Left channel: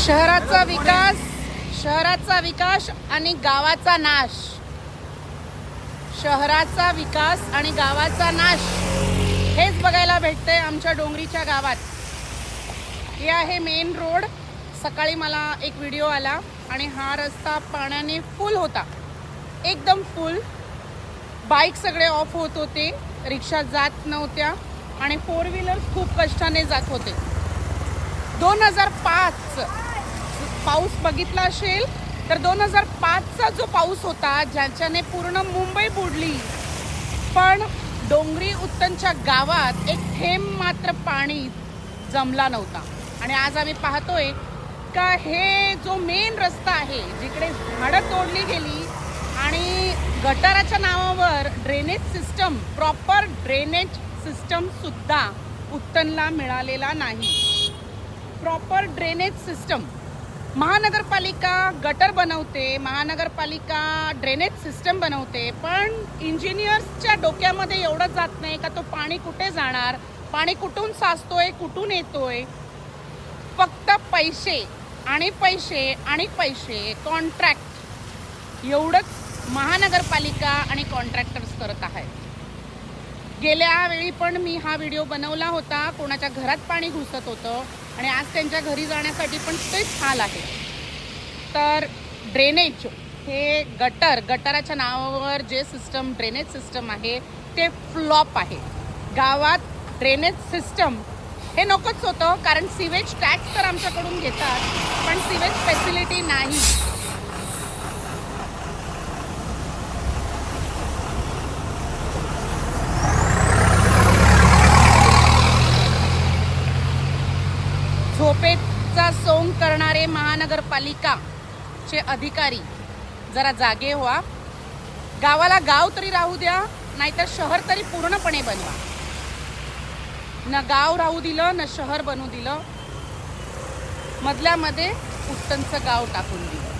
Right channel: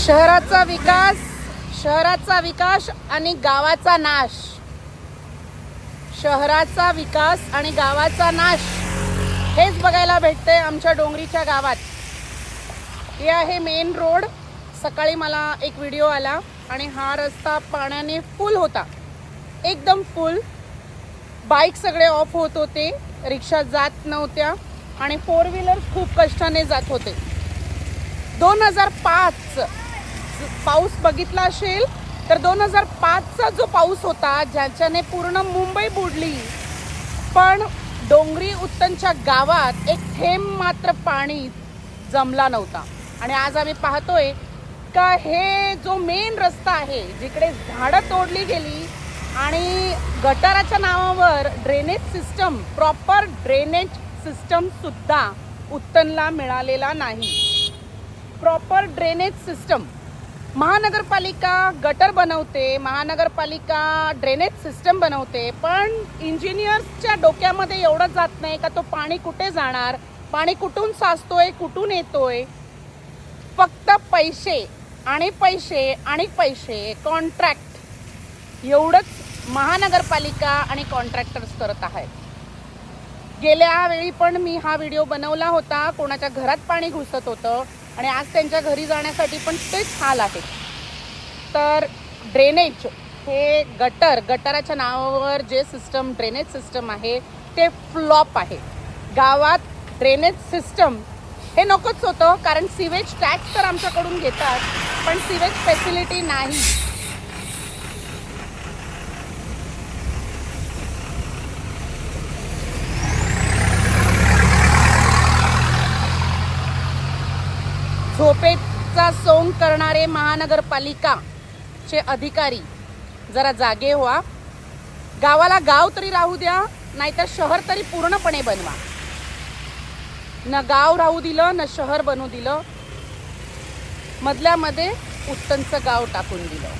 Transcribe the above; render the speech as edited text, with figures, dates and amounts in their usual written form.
शहराचा विकास आणि गावाचा नाश. शहराचा विकास आणि गावाचा नाश हेच बघायला भेटते आमच्या डोंगरीच्या गावात. हे आहे मेन रोड. सकाळी मला एक व्हिडिओ आला आणि हा रस्ता पाण्याने फुल होता, एकदम फुल. बाईक सगळे ऑफ होत होते, रिक्षा जात नव्हत्या आणि फोर व्हीलर खूप कष्टाने जात होते. 2005 पाऊस बघितला असेल तर 2005चा जो पाऊस होता ज्याच्याने पूर्ण मुंबई बुडली, पण डोंगरी उत्तनच्या गावात एक थेंब मात्र पाणी जमला नव्हता. आणि आज आम्ही पाहतोय का हे जो मेन रस्ता आहे जिकडे झाडं तोडली गेली आणि गटाराच्या नावावर drainage system, proper drainage system सुद्धा उत्तनला मिळालेला नाही. प्रॉपर ड्रेनेज सिस्टम महानगरपालिका गटर बनवते, महानगरपालिका ड्रेनेज सिस्टम बनवते, पण इंजिनियर्सच्या डोक्यामध्ये एवढं जात नाही का तो पाणी कुठे जाणार, पाणी कुठून साचतोय, कुठून येतोय. फक्त पैसे आणि पैसे आणि पैसे, कॉन्ट्रॅक्ट, एवढंच महानगरपालिका आणि कॉन्ट्रॅक्टर्स करत आहेत. गेल्या वेळी पण मी हा व्हिडिओ बनवला होता. कोणाच्या घरात पाणी घुसत होतं आणि आज त्यांच्या घरी जाण्यासाठी पण तेच हाल आहे. तर ड्रेनेज हे गटाराच्या नावावर जे सिस्टम, ड्रेनेज सिस्टम आहे ते फ्लॉप आहे. गावात ड्रेनेज सिस्टम हे नकोच होतं, कारण सिवेज टॅक्स तर आमच्याकडून घेतात पण सिवेज फॅसिलिटी नाही. झोपेचा सोंग करणारे महानगरपालिकाचे अधिकारी जरा जागे व्हा. गावाला गाव तरी राहू द्या, नाहीतर शहर तरी पूर्णपणे बनवा. न गाव राहू दिलं, न शहर बनवू दिलं, मधल्यामध्ये उत्तनचं गाव टाकून दिलं.